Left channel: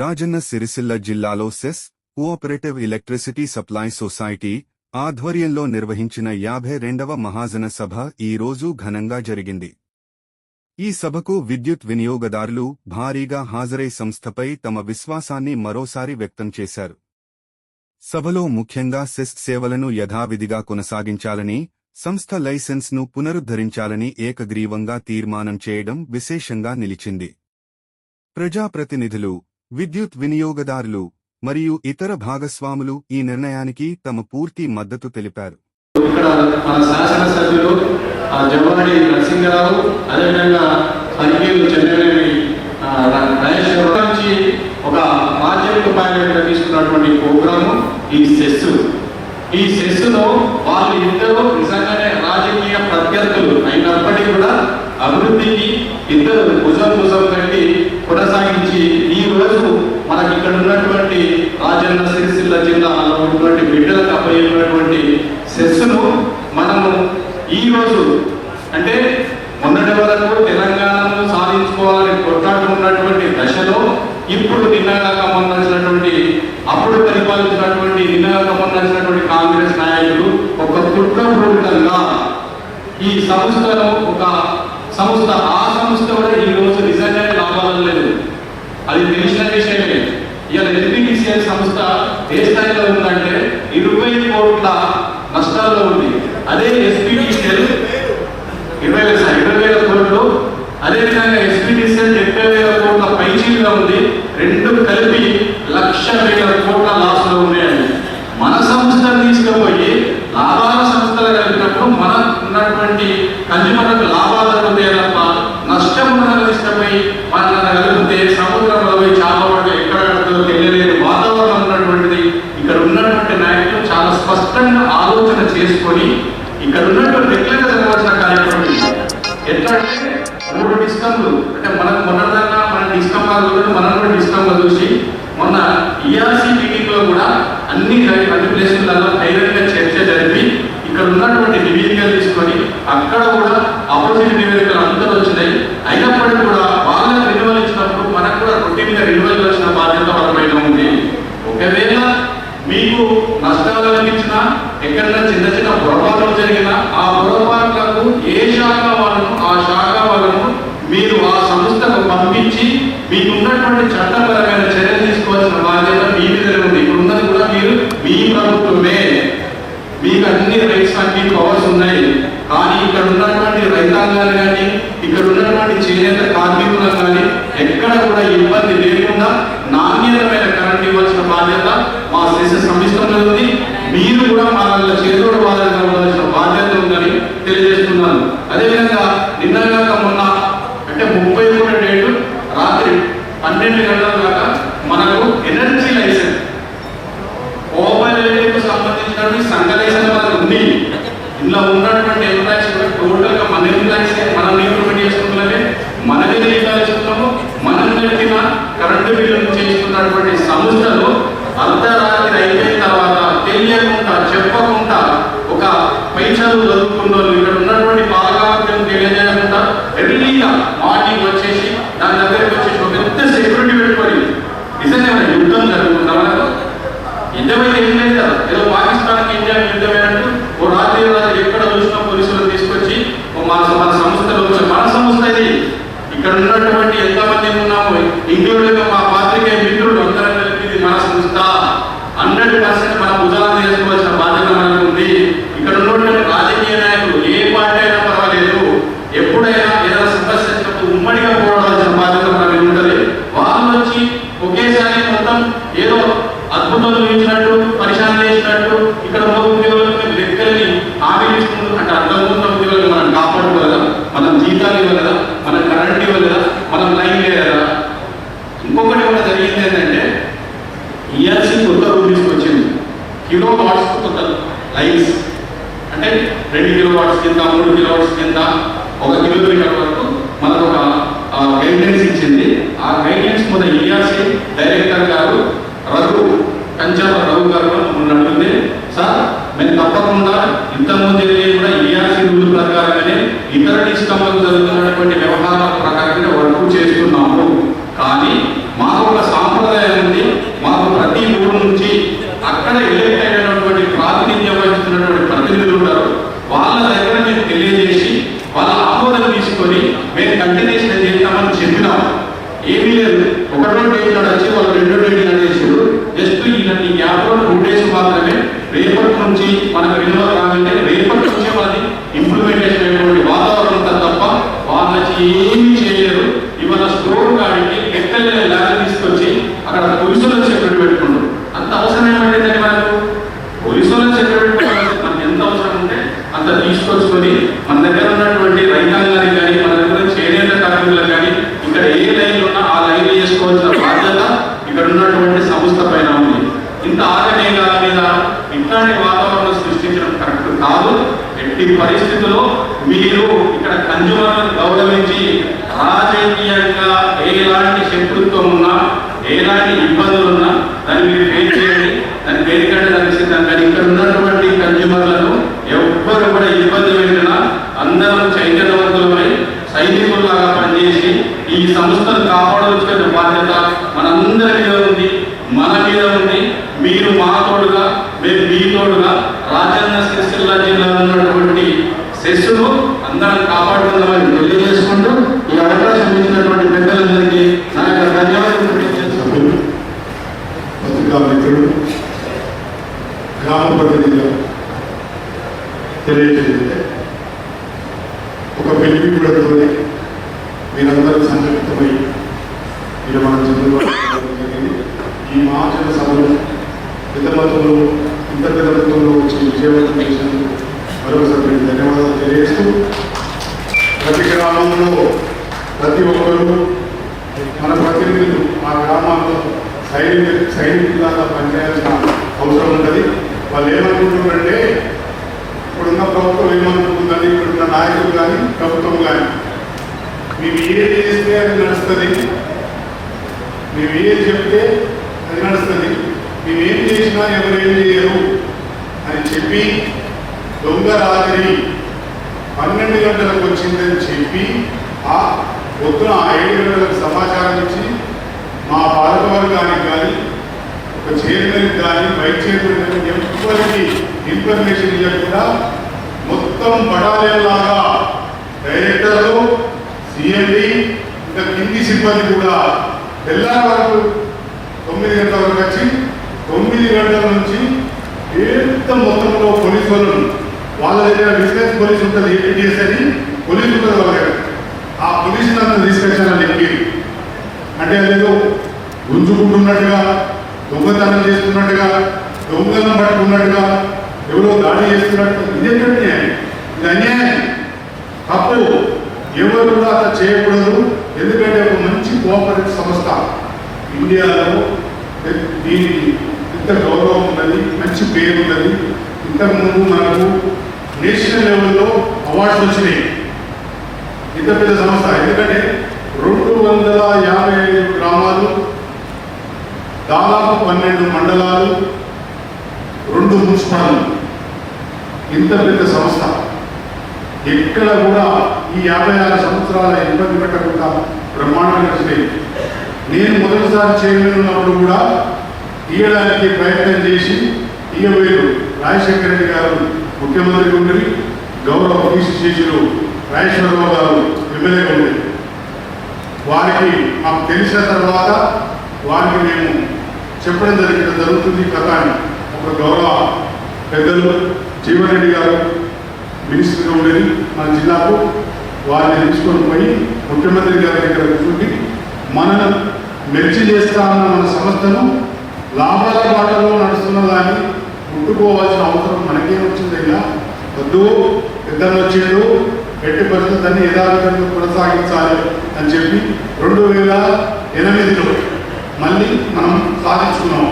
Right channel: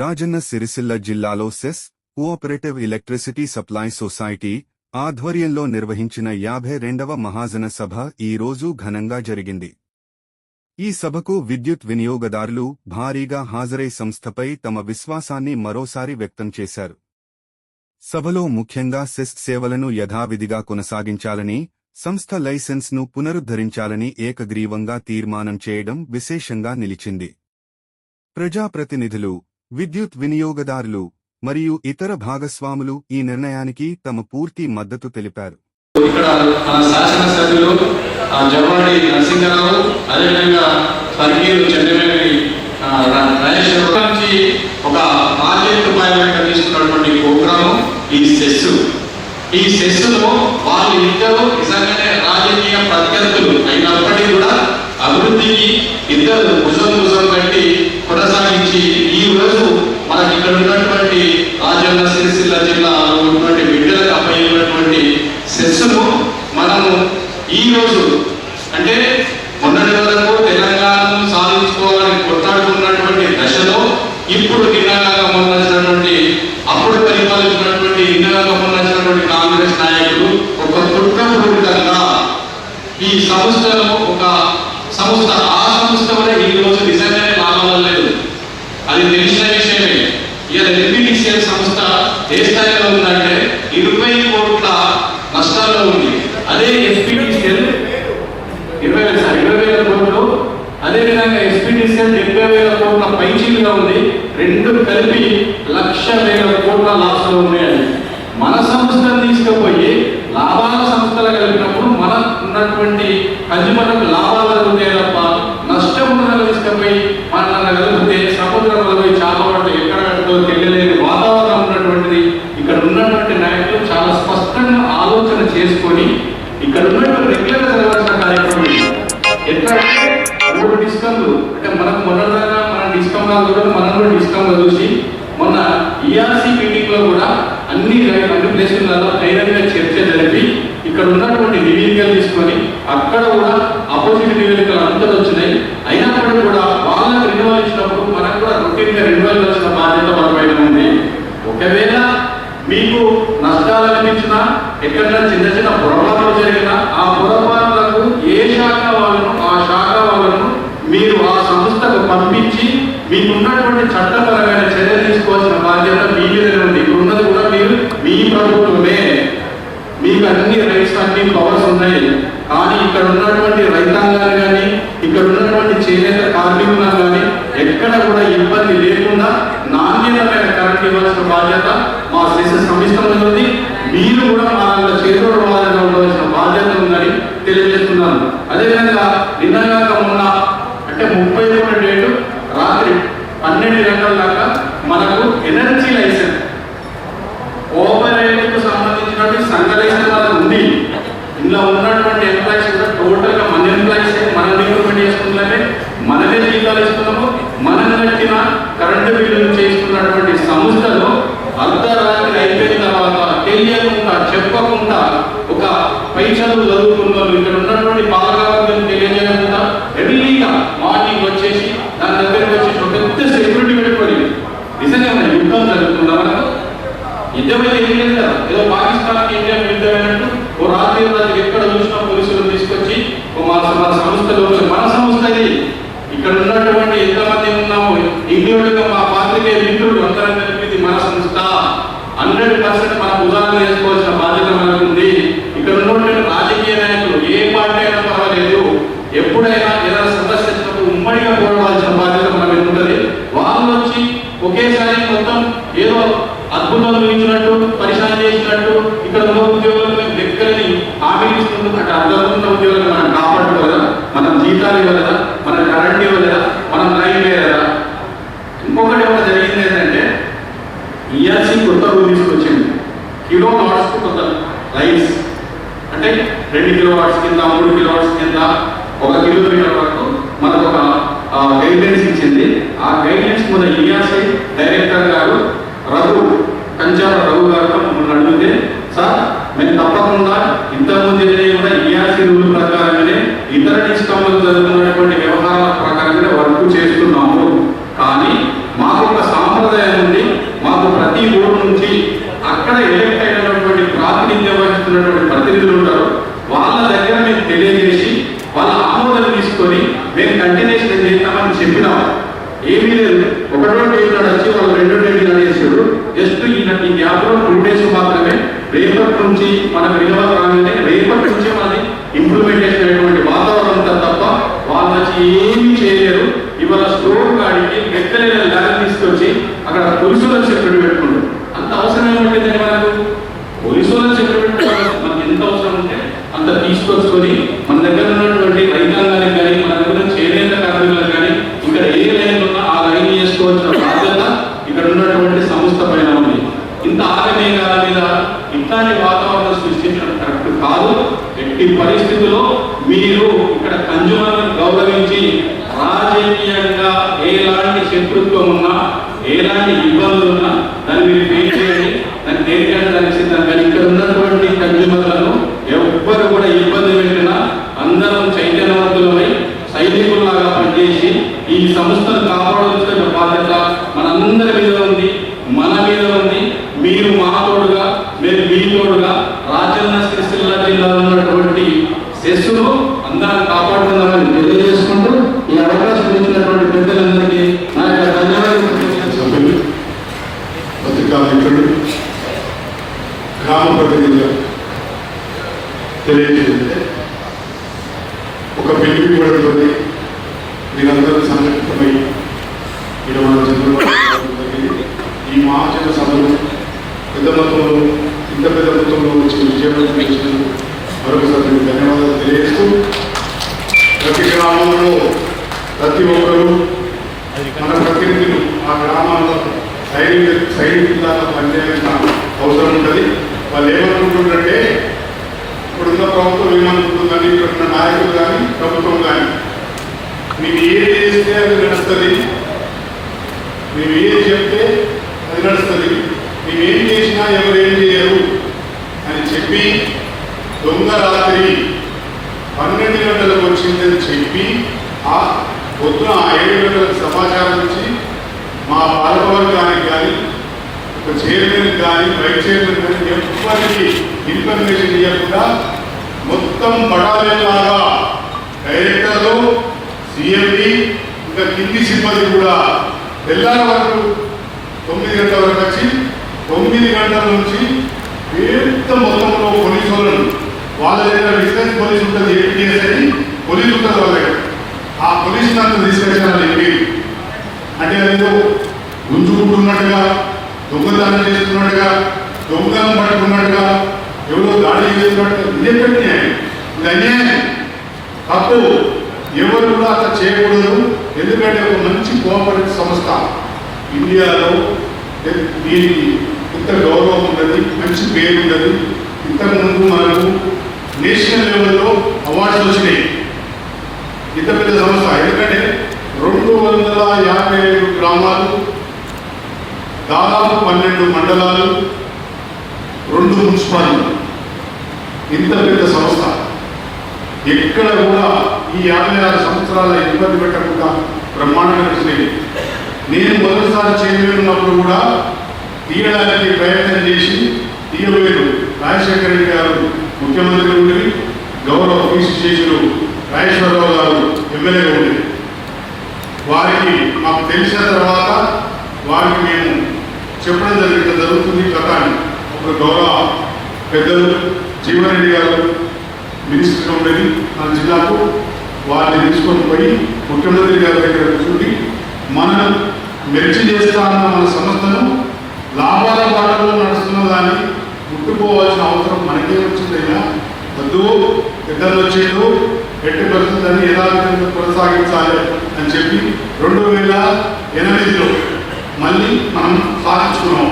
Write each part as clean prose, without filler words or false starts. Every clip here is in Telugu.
రాజన్న సిరిసిల్ల జిల్లాలో CESS cooperative electricity supply society ఆధ్వర్యంలో నిర్వహించిన 52వ మహాజన సభ ఈ రోజు ఘనంగా జరిగింది. ఈ సభకు విద్యుత్ వినియోగదారులు భారీగా హాజరై సంస్థపై తమ విశ్వాసాన్ని మరోసారి వ్యక్తం చేశారు. సభలో ముఖ్యంగా సెస్ సేవలను యథావిధిగా కొనసాగించాలని, సంస్థ లైసెన్స్ను పునరుద్ధరించాలని ఏకగ్రీవంగా తీర్మానం చేయడం విశేషంగా నిలిచింది. ప్రజాప్రతినిధులు, విద్యుత్ వినియోగదారులు మరియు ఇతర భాగస్వాములు ఈ నిర్ణయానికి తమ పూర్తి మద్దతు తెలిపారు. ఇక్కడ మన శాసనసభ్యులు జమ్మడి నరసింహరావు, అదేవిధంగా తనిఖీలు చంద్రవేణి రాజేష్ నుంచి ఒక రూపాయలు తీసుకున్నటువంటి ప్రోగ్రాము ఈ సెస్సులో వాళ్ళు ఇద్దరు నిజంగానే రాజకీయ ప్రత్యర్థులు అయినప్పటికీ కూడా అభివృద్ధికి ఇద్దరు భుజం కట్టి కొనసాగించి ఈ రోజు మనకి ఇక్కడ ఉన్నటువంటి రాజన్న సిరిసిల్ల జిల్లాలో ఉన్నటువంటి బిడ్డలకు అప్పయ్యేటువంటి సెస్సును మనము ఈ రోజు అంటే మొన్నటి వరకు తెలంగాణను సాధించుకోవాలని కొట్లాడుతున్నటువంటి దశలో ఇప్పుడు నిన్నగా గమనించినటువంటి అప్పుడు పరిపాలించినటువంటి నిన్నగా గమనించినటువంటి కాంగ్రెస్ నాయకులు ఒక కుట్రపూరితంగా ఈ సంస్థలో ఒక సంస్థ ఆ సంస్థ వల్ల ఈ రోజు నిజంగానే లాభాలు లేదు, అది తెలిసిన విషయమే. ఇలా ఎన్పిటిసిఎల్ సంస్థ ఏ స్థాయిలో ఉందంటే 20 కోట్ల నష్టాల్లో ఉంది. అదే ఎస్పీటీసీఎల్ 20,000 కోట్లు, అదేవిధంగా ఎస్పీటీసీఎల్ 70,000 కోట్ల పైచీలుగా ఉంది. రెండు కలిపి 1,00,000 కోట్ల లాస్ లో ఉన్నాయండి. మన సంస్థను తీసుకుపోయి లాభాల సంస్థలు కలిపినప్పుడు మన ఉన్నటువంటి కన్జ్యూమర్లకు లాభాలు జరుగుతాయి తప్ప నష్టం మనకు తీసుకుపోయి మన కలిపితే సముద్రంలో పోయి చాలా వాటి ఎక్కడ కడుతుందో తెలియలేని వాతావరణం ఉన్నటువంటిది. ఇక్కడ ఉన్నటువంటి నాయకులు చాలా స్పష్టంగా ఆలోచన చేసుకొని ఇక్కడ ఉన్నటువంటి రెగ్యులర్ జరగాల్సిన కార్యక్రమం ఎట్లా అంటే 3 డిస్కమ్లు అంటే మనకు మొన్నదాకా మన డిస్కమ్లు కూడా మనం కూడా డిస్కమ్లు చూసి మొన్న ఈఆర్సీ మీటింగ్ లో కూడా అన్ని ప్లేసులలో ధైర్యంగా చర్చ జరిపి ఇక్కడ ఉన్నటువంటి నివేదికలు తీసుకొని అక్కడ కూడా అపోజిట్ నివేదికలు అందరూ వచ్చినాయి. అయినప్పటికీ కూడా వాళ్ళకి రెన్యువల్ ఇచ్చినప్పుడు మనకు కూడా రొటీన్ గా రెన్యువల్ వచ్చిన బాధ్యత వాళ్ళ పైన ఉంది. ఒకవేళ మీకు నష్టాలు అనిపించినా ఎక్కడైనా చిన్న చిన్న పొరపాట్లు జరిగినా ఆ పొరపాట్లకు ఏ శాఖ వాళ్ళను ఆ శాఖ వాళ్ళను మీరు ఆ సంస్థకు పంపించి మీకున్నటువంటి చట్టపరమైన చర్య తీసుకోవాల్సిన బాధ్యత మీ మీద ఉంది. ఇప్పుడు ఉన్నది కూడా మీరు మీ ప్రభుత్వమే, మీకు అన్ని రైట్స్ అన్ని పవర్స్ ఉన్నాయి. కానీ ఇక్కడ ఉన్నటువంటి రైతాంగాలు కానీ ఇక్కడ ఉన్నటువంటి చేనేత కార్మికులు కానీ ఎక్కడ కూడా ఇబ్బంది లేకుండా నాణ్యతమైన కరెంట్ ఇవ్వాల్సిన బాధ్యత మా సైసెస్ సంస్థ ఉంది. మీరు కూడా వాళ్ళ చేతుడు వాళ్ళని ఇవ్వాల్సిన బాధ్యత ఉందని తెలియజేస్తున్నాను. అదేవిధంగా నిన్నగా మొన్న అంటే 31 డేటు రాత్రి 12 గంటల దాకా మనకు ఎనర్జీ లైసెన్స్ ఓవర్కు సంబంధించినటువంటి సంఘ లైసెన్స్ మనకు ఉంది. ఇలా ఉన్నటువంటి ఎంప్లాయీస్ కూడా టోటల్ గా మన ఎంప్లాయీస్ మనం ఇంప్లిమెంట్ చేసుకున్నట్టే మనమే జీతాలు ఇస్తున్నాము. మనం కట్టిన కరెంటు బిల్లు చేస్తున్నటువంటి సంస్థలు అర్ధరాత్రి అయిపోయిన తర్వాత తెలియకుండా చెప్పకుండా ఒక పైసలు చదువుతున్న ఇక్కడ ఉన్నటువంటి పాలకవర్గం తెలియజేయకుండా ఎర్లీగా మార్నింగ్ వచ్చేసి దాని దగ్గరికి వచ్చేసి ఒక పెద్ద సెక్యూరిటీ పెట్టుకొని నిజంగా యుద్ధం జరుగుతుందా? యుద్ధం అయితే ఏం లేదు కదా, ఏదో పాకిస్తాన్కి ఇండియా యుద్ధం అయినట్టు ఓ రాత్రి ఎక్కడ చూసినా పోలీసులను తీసుకొచ్చి మన సంస్థలో మన సంస్థ ఇక్కడ ఉన్నటువంటి ఎంతమంది ఉన్నాము ఇంక్లూడింగ్ మా పాత్రికేయ మిత్రులు అందరం కలిపి మన సంస్థ 100% మనం ఉదాహరణ చేసుకోవాల్సిన బాధ్యత మనకు ఉంది. ఇక్కడ ఉన్నటువంటి రాజకీయ నాయకులు ఏ పార్టీ అయినా పర్వాలేదు, ఎప్పుడైనా ఏదైనా సమస్య వచ్చినప్పుడు ఉమ్మడిగా పోవాల్సిన బాధ్యత మనకు ఉంటుంది. వాళ్ళు వచ్చి ఒకేసారి మొత్తం ఏదో అద్భుతం ఊహించినట్టు పరిశాన్ చేసినట్టు ఇక్కడ ఉన్న ఉద్యోగులకు దగ్గరని హామీ ఇస్తుంది. అంటే అర్థం ఉన్న ఉద్యోగులు మనం కాపాడుకోలేదా, మనం జీతాలు ఇవ్వలేదా, మన కరెంట్ ఇవ్వలేదా, మనం లైన్ లేదా? ఇంకొకటి కూడా జరిగింది ఏంటంటే ఈఆర్సీ కొత్త రూల్ తీసుకొచ్చింది. కిలో వాట్స్ కొత్త లైన్స్ అంటే 2 కిలోవాట్స్ కింద 3 కిలోవాట్స్ కింద 1 కిలోమీటర్ వరకు మనకు ఒక గైడ్లైన్స్ ఇచ్చింది. ఆ గైడ్లైన్స్ మీద ఈఆర్సీ డైరెక్టర్ గారు కంచాల రఘు గారు అడిగితే, సార్ మేము తప్పకుండా ఇంతకుముందు కూడా ఈఆర్సీ రూల్ ప్రకారంగానే ఇతర డిస్కమ్లకు జరుగుతున్నటువంటి వ్యవహారాల ప్రకారంగానే వర్క్ చేస్తున్నాము. కానీ మాకు ఒక సాంప్రదాయం సంస్థను కాపాడాల్సిన బాధ్యత మనందరి మీద ఉంది, మన మీద ఉంది. మీరు మా తోడుగా, మేము మీ తోడుగా రాజన్న సిరిసిల్ల జిల్లాలో ఉన్నటువంటి సెస్సును అందరం కాపాడుతుందని తెలియజేసుకుంటూ ఈ అవకాశం ఇచ్చినటువంటి పెద్దలందరికీ నా యొక్క ధన్యవాదాలు. పత్రికా మిత్రులు, గ్రామ ప్రతినిధులు తెలియజేస్తే ఒక పిలిపి కూడా మీరందరూ సంఘటితమై మీరు మన చంద్రబాబు ఈ మహాజన సభలో పెద్ద మొత్తంలో ఇంత పెద్ద మొత్తంలో వచ్చి విజయవంతం చేసినందుకు మరొకసారి మీకు ధన్యవాదాలు తెలియజేస్తూ, ప్రతి గ్రామంలో ప్రతి ఒక్కరూ మన ప్రతినిధులు ఆ గ్రామాల్లో సైనికులాగా పనిచేయాల్సిన అవసరం ఉంటుంది. వాళ్ళు ఏమనుకుంటున్నారంటే ఇప్పుడున్న ప్రభుత్వం ఏమనుకుంటుందని, ఇప్పుడున్న నాయకులు కానీ ప్రభుత్వం కానీ మేము ఏది చేస్తే అది నడుస్తుంది, మేము ఏది చెప్తే అది నడుస్తుంది, మేము ఏం చేసినా ఎవరు ఏం చేయరు అని చెప్పి దొంగ రాత్రి 12 గంటలకు వచ్చిందని చెప్పి ఆ పొద్దున 7 గంటలకు సమాచారం ఇచ్చి మా పాలకవర్గానికి కానీ ఒక చైర్మన్ కానీ వైస్ చైర్మన్ కానీ ఎవరికి ఇన్ఫర్మేషన్ ఇవ్వకుండా మొత్తం పడాలేలాగా డైరెక్టర్లు, సిఎండి ఇంకా కింది సిబ్బంది కూడా తెల్లారి వరకు 9 గంటల వరకు వచ్చి 9 గంటల నుంచి పెద్ద మొత్తంలో పోలీసులను వాళ్ళ దగ్గర విజిలెన్స్ పోలీసు ఉంటుంది, ఏపీఎస్ అని పోలీసు ఉంటుంది వాళ్ళ దగ్గర. ఆ పోలీసులు అంతా తీసుకొచ్చాను ఎంపీ అంటే ఏదో గుంజుకుంటున్నట్టుగా, దొంగతనం చేస్తున్నట్టుగా, దొంగలను పట్టుకున్నట్టుగా, ఎవరో దాడి చేస్తున్నట్టుగా ఇదేంటంటే ఇది అన్యాయం, తప్పు. ఎవరు కూడా అట్లా చేయకూడదు. ఎందుకంటే ఒక మంచి కోఆపరేటివ్ సంస్థ ఇండియాలో దీనికి ఇంత గౌరవం ఉన్నది, మంచి పేరు ఉన్నది. ఇంతకుముందు మనకు నేషనల్ లెవెల్లో అవార్డ్స్ వచ్చినాయి. ఇంత పెద్ద సంస్థ, ఎందుకంటే 257 గ్రామాలు, దాదాపు 12 మండలాలు, 2 మున్సిపాలిటీలు, ఇంత పెద్ద సంస్థ ఎక్కడ కూడా ఈ 56 సంవత్సరాల ఇబ్బంది పెట్టకుండా బ్రహ్మాండంగా వచ్చినాయి. నేను మొదటిసారి చైర్మన్ ఉన్నప్పుడు కూడా తీయడానికి ప్రయత్నం చేసి తీయలేదు. రాజశేఖర రెడ్డి గారు ముఖ్యమంత్రి ఉండి, గౌరవ పీసీ చేసిన రాజేశ్వరరావు గారు ఎమ్మెల్యే ఉంది. వారికి మాకు తెలిసిన తర్వాత వారికి మేము చెప్పడం జరుగుతుంది కథ అని. ఒక గౌరవ పెద్దలు జీవన్ రెడ్డి గారు మినిస్టర్గా ఉండేది మన జిల్లాకు, వారిని తీసుకొని పోయి ముఖ్యమంత్రి గారి దగ్గర కూర్చుండి మనం మెర్చి చేస్తామన్న మన సంస్థను లాభాల బాటలో నడుస్తున్నదాన్ని ముట్టుకోవాల్సిన అవసరం మనకే వచ్చిందయ్యా, వద్దు, పెద్దలు వచ్చేది ఎట్టి పరిస్థితున్ని యథార్థంగా కొనసాగించాలి అని చెప్పి 2008లో మళ్ళీ మనం సాధించుకున్నాం.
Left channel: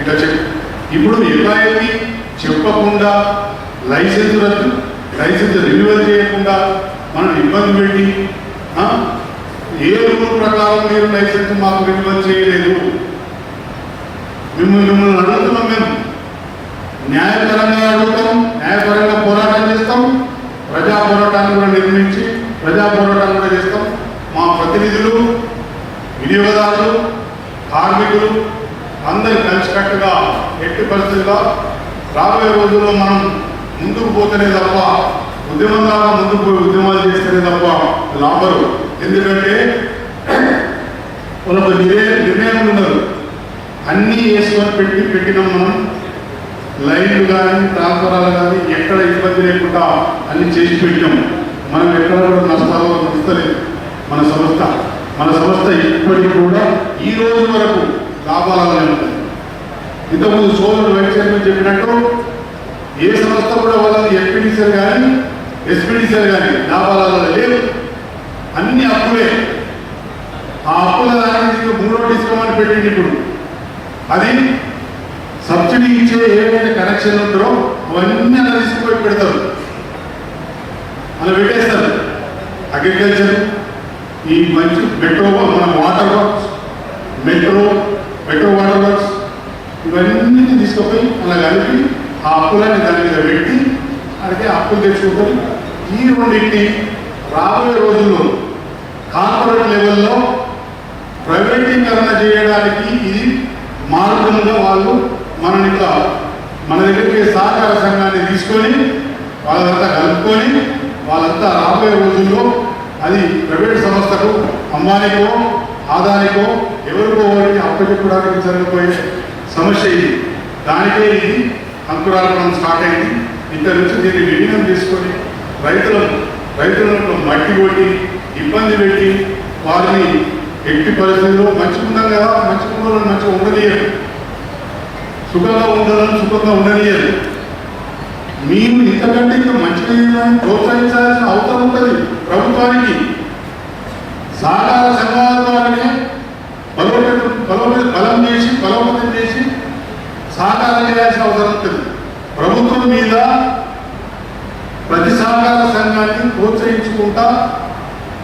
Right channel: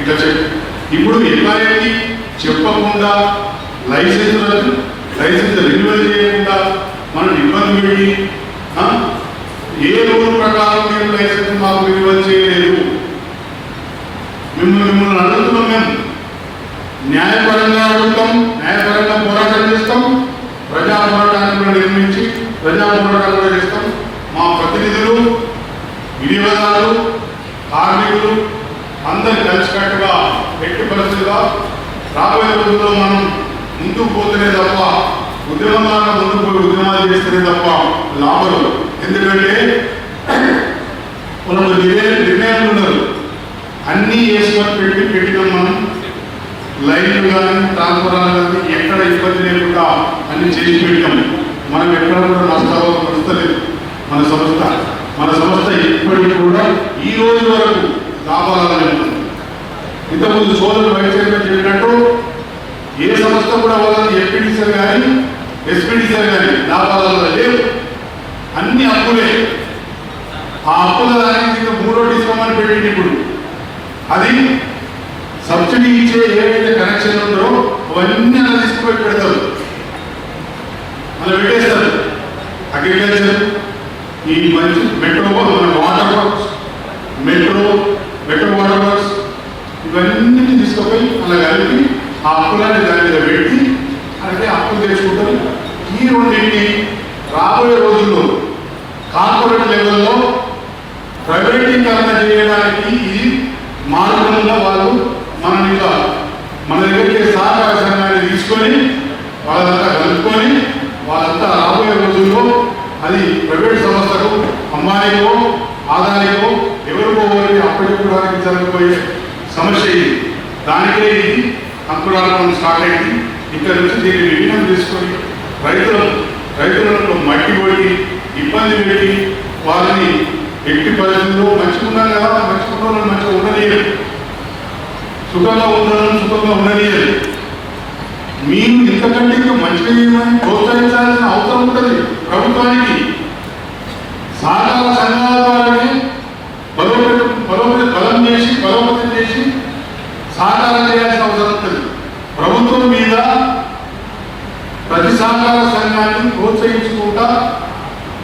ఇట్లా చెప్పి ఇప్పుడు ఎలాంటి చెప్పకుండా లైసెన్స్ రెన్యువల్ చేయకుండా మనం ఇబ్బంది పెట్టి ఏ రూల్ ప్రకారం మీరు లైసెన్స్ మాకు రెన్యువల్ చేయలేదు, మిమ్మల్ని అడుగుతున్నాం. మేము న్యాయపరంగా అడుగుతాం, న్యాయపరంగా పోరాటం చేస్తాం, ప్రజా పోరాటాన్ని నిర్మించి ప్రజా పోరాటాన్ని చేస్తాం. మా ప్రతినిధులు, వినియోగదారులు, కార్మికులు అందరూ కలిసికట్టుగా ఎట్టి పరిస్థితుల్లో రాబోయే రోజుల్లో మనం ముందుకు పోతేనే తప్ప, ఉద్యమంగా ముందుకు పోయి ఉద్యమాలు చేస్తేనే తప్ప లాభం. ఎందుకంటే మనకు నిర్ణయాలు ఉన్నారు, అన్నీ వేసుకొని పెట్టినాం. మనం లైన్లు కానీ ట్రాన్స్ఫరాలు కానీ ఎక్కడ ఇబ్బంది లేకుండా అన్ని చేసి పెట్టినాం. మనం ఎక్కడ కూడా నష్టలేదు. మన సంస్థ ఇప్పటికీ కూడా ఈ రోజు వరకు లాభాలలో ఉంటుంది. ఇంతకుముందు సోదరులు వ్యవసాయం చెప్పినట్టు ఏ సంస్థ కూడా వాళ్ళని ఎంపీడీసీలు కానీ ఎస్పీడీసీలు కానీ లాభాలలో లేవు, అన్ని అప్పులే. ఆ అప్పుల దానికి 3వ డిస్కౌంట్ పెట్టింది. ఇప్పుడు అది సబ్సిడీ ఇచ్చే ఏవైతే కనెక్షన్ ఉందో అవన్నీ అలా తీసుకుపోయి పెడతారు, అలా పెట్టేస్తారు. అగ్రికల్చర్, ఈ మంచి metro water works, metro water works ఇవన్నీ తీసుకుపోయి అలా కలిపి ఆ అప్పులని దాని మీద పెట్టి అంటే అప్పులు తెచ్చుకుంటారు. ఈ రెండింటిని రాబోయే రోజుల్లో కార్పొరేట్ లెవెల్లో అది ప్రైవేట్ సంస్థకు అంబానీకో ఆదానికో ఎవరికో ఎవరికి అప్పచెప్పడానికి జరగబోయే సమస్య ఇది. దానికే ఇది అంకురాలను స్టార్ట్ అయింది. ఇక్కడ నుంచి దీన్ని విలీనం తీసుకొని రైతులకు మట్టి కొట్టి ఇబ్బంది పెట్టి వారిని ఎట్టి పరిస్థితుల్లో మంచుకున్నారు కదా, మంచుకున్న మంచిగా ఉండనియరు, సుఖంగా ఉండాలని సుఖంగా ఉండనియరు. మీరు ఇంతకంటే ఇంకా మంచిగా చేయమని ప్రోత్సహించాల్సిన అవసరం ఉంటుంది ప్రభుత్వానికి. సహకార సంఘాల ద్వారానే బలోపేతం చేసి సహకారం చేయాల్సిన అవసరం ఉంటుంది. ప్రభుత్వం మీద ప్రతి సహకార సంఘాన్ని ప్రోత్సహించుకుంటా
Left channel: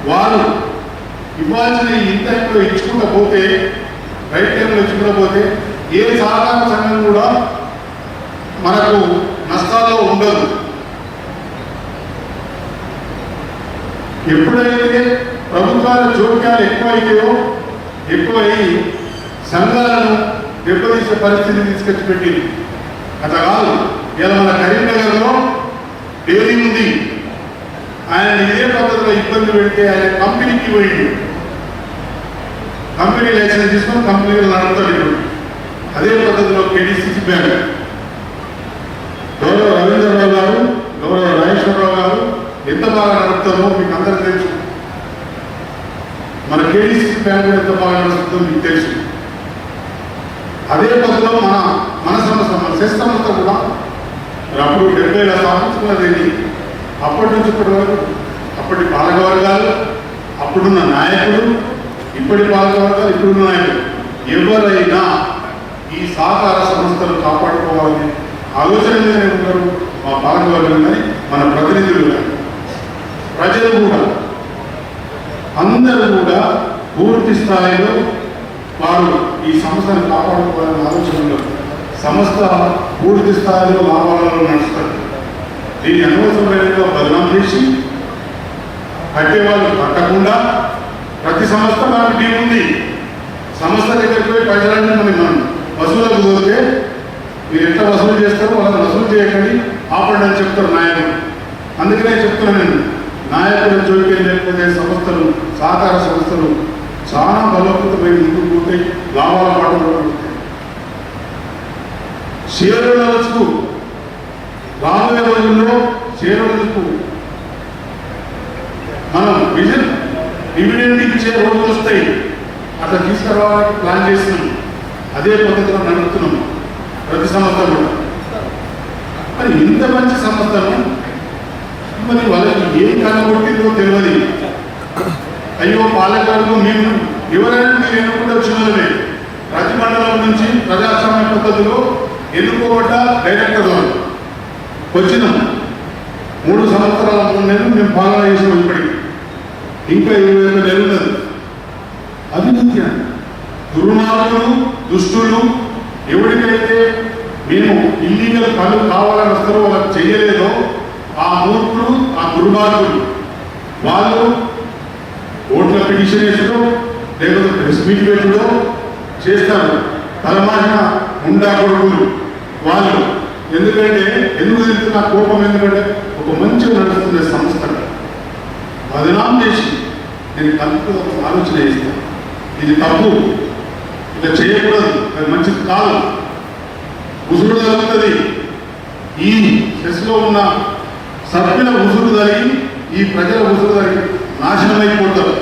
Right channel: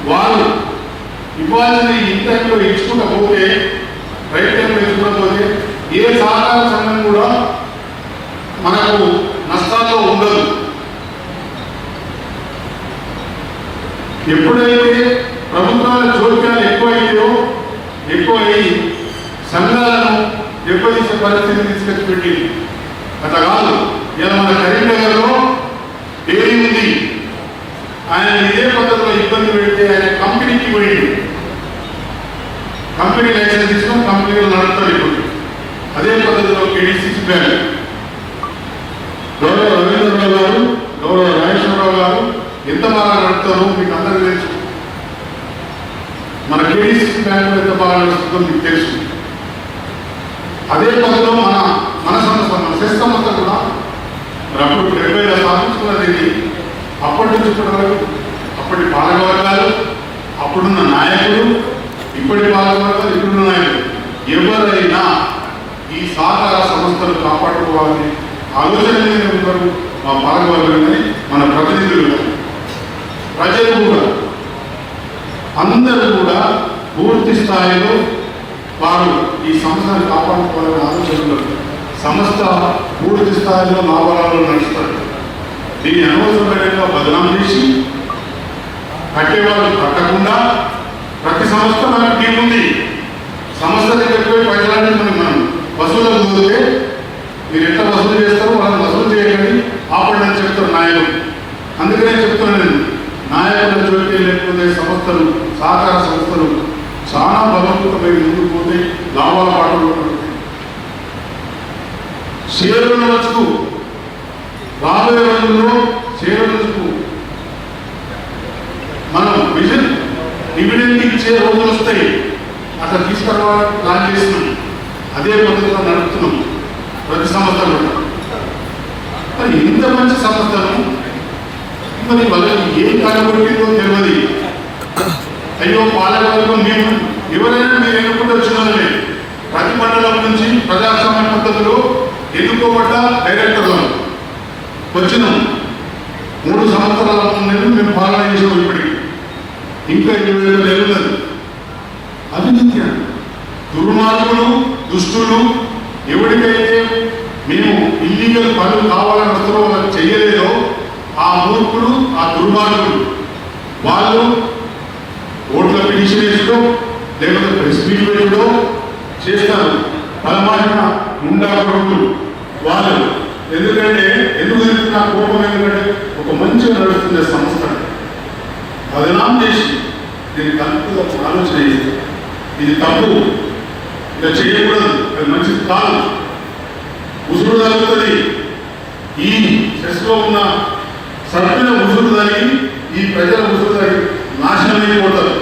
వారు ఇవ్వాల్సిన ఇంటర్లో ఇచ్చుకోకపోతే, రైట్ టైంలో ఇచ్చుకోకపోతే ఏ సహకార సంఘం కూడా మనకు నష్టాల్లో ఉండదు. ఎప్పుడైతే ప్రభుత్వాల జోక్యాలు ఎక్కువయ్యి సంఘాలను దెబ్బతీసే పరిస్థితిని తీసుకొచ్చి పెట్టింది. అట్లా కాదు. ఇలా మన కరీంనగర్లో డైరీ ఉంది, ఆయన ఇదే పద్ధతిలో ఇబ్బంది పెడితే ఆయన కంపెనీకి పోయింది, కంపెనీ లైసెన్స్ తీసుకొని కంపెనీలు నడుపుతాడు. ఇప్పుడు అదే పద్ధతిలో కేడీసీసీ బ్యాంక్ గౌరవ రవీంద్రరావు గారు, గౌరవ రాజేశ్వరరావు గారు ఎంత బాగా నడుపుతారో మీకు అందరూ తెలుసు. మన కేడీసీసీ బ్యాంక్ ఎంత బాగా నడుస్తుందో మీకు తెలుసు. అదే పద్ధతిలో మన సంస్థ మన సెస్ సంస్థ కూడా అప్పుడు 70 స్థాపించుకున్నది. అప్పటి నుంచి ఇప్పటి వరకు అప్పటి పాలకవర్గాలు, అప్పుడున్న నాయకులు, ఇప్పటి పాలకవర్గాలు, ఇప్పుడున్న నాయకులు ఎవరైనా ఈ సహకార సంస్థలు కాపాడుకోవాలని ఆలోచనలే ఉన్నారు. మా పాలకవర్గం కానీ మన ప్రతినిధులు కానీ ప్రజలు కూడా అందరూ కూడా పూర్తి స్థాయిలో వారు ఈ సంస్థను కాపాడుకోవాలని ఆలోచనలు. సంస్థ పూర్తి స్థాయిలో లాభాలలో నడుస్తారు. దీన్ని అనవసరమైన బదనాం చేసి కట్టేవాళ్ళు కట్టకుండా ప్రతి సంస్థ మనకు టీం ఉంది. సంస్థ దగ్గరికి పోయి పైసలన్నీ మనం వసూలకు పోతే మీరు ఎంత వసూలు చేస్తారో వాళ్ళని వసూలు చేయకండి, ఆపండి అని చెప్తారు నాయకులు. అందుకనే చెప్తున్నాను నేను, నాయకుల జోక్యం లేకపోతే సంస్థలు, సహకార సంస్థలు చాలా బలవంతమైన ముందుకు పోతాయి, లాభాలు పాటుపడుతుంది. షేరుల వచ్చుకు రాబోయే రోజుల్లో షేరులకు మనం డివిడెండ్ ఇచ్చే రోజులు వస్తాయి. అట్లా తీసుకురావాలని ప్లాన్ చేస్తున్నాం. అదే పద్ధతిలో నడుపుతున్నాం ప్రతి సంస్థ కూడా. మరి ఇంత మంచి సంస్థను మరి వాళ్ళకి ఏం కనబట్టిందో తెలియదు. అయ్యో పాలకవర్గం మేము ఎవరైనా మీరు ఎన్నుకుంటూ వచ్చిన వాళ్ళే. ప్రతి మండలం నుంచి ప్రజాస్వామ్య పద్ధతిలో ఎన్నుకోబడ్డ డైరెక్టర్లు వచ్చినాం. 3 సంవత్సరాల ముందు మేము పాలన చేసాం. ఇప్పటికి ఇంకా 27 నెలలు. అవినీతి దుర్మార్గులు, దుష్టులు ఎవరికైతే మేము ఇల్లీగల్ పనులు కావాలని వస్తారో వాళ్ళకి చెయ్యలేదో ఆ మూర్ఖులు, ఆ దుర్మార్గులు వాళ్ళు ఓట్ల పిటిషన్ వేసుకో లేకపోతే ప్రెస్ మీట్ పెట్టుకో చేస్తారు. తలమాసిన ఉండా కొడుకులు వాళ్ళు. ఎందుకంటే ఎందుకు నా కోపం ఎందుకంటే ఒక మంచిగా నడుస్తున్న సంస్థ బదనాం చేసి దీన్ని తప్పు ఆలోచన చేసి ఇది తప్పు, ఇలా చేయకూడదు, అది మంచిది కాదు, ఉసురు తగ్గుతుంది. ఈ సెస్లో ఉన్న సభ్యుల ఉసురు తగ్గి ఈ ప్రజల ఉసురు తగ్గి నాశనం అయిపోతారు.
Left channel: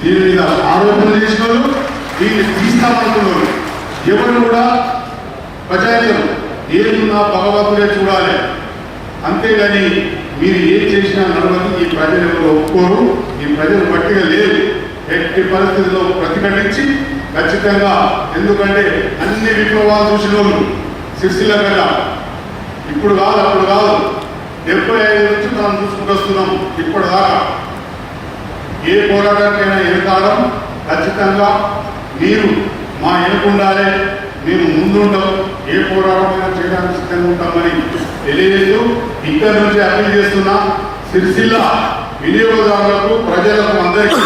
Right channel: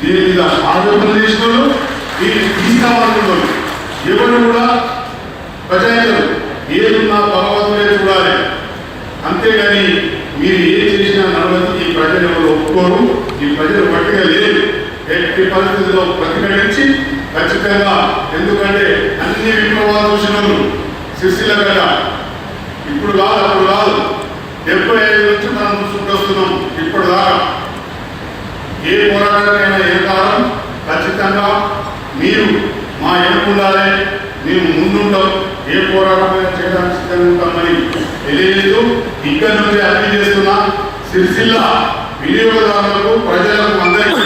దీని మీద ఆరోపణ చేసిన వాళ్ళు, దీన్ని తీసుకురావాలనుకున్న వాళ్ళు ఎవరు కూడా ప్రజాయితరు ఏదున్నా భగవంతులే చూడాలి. అంతేగాని మీరు ఏం చేసినా నడవదు. ఈ ప్రజలు ఒప్పుకోరు, ఈ ప్రజలు పట్టిగా లేదు. ఎట్టి పరిస్థితుల్లో ప్రతిఘటించి ఖచ్చితంగా, ఎందుకంటే అన్ని విప్లవాలు చూసిన సిరిసిల్ల కదా, ఇప్పుడు కాదు అప్పుడు కాదు, 75 నుంచి మనం చూసుకుంటూ వస్తున్నాం. ఇప్పటిదాకా ఏ పోరాటానికైనా ఏ కాలం ఖచ్చితంగా మీరు మా ఎన్నుకుండాలి, మేము ముందుంటాం, ఏ పోరాటమైనా చేయడానికి సిద్ధంగా ఉంటామని తెలియలేదు. ఇక్కడ నుంచి అప్పీల్ చేస్తున్నా సిరిసిల్ల వినియోగదారులకు, ప్రజలకు అందరికీ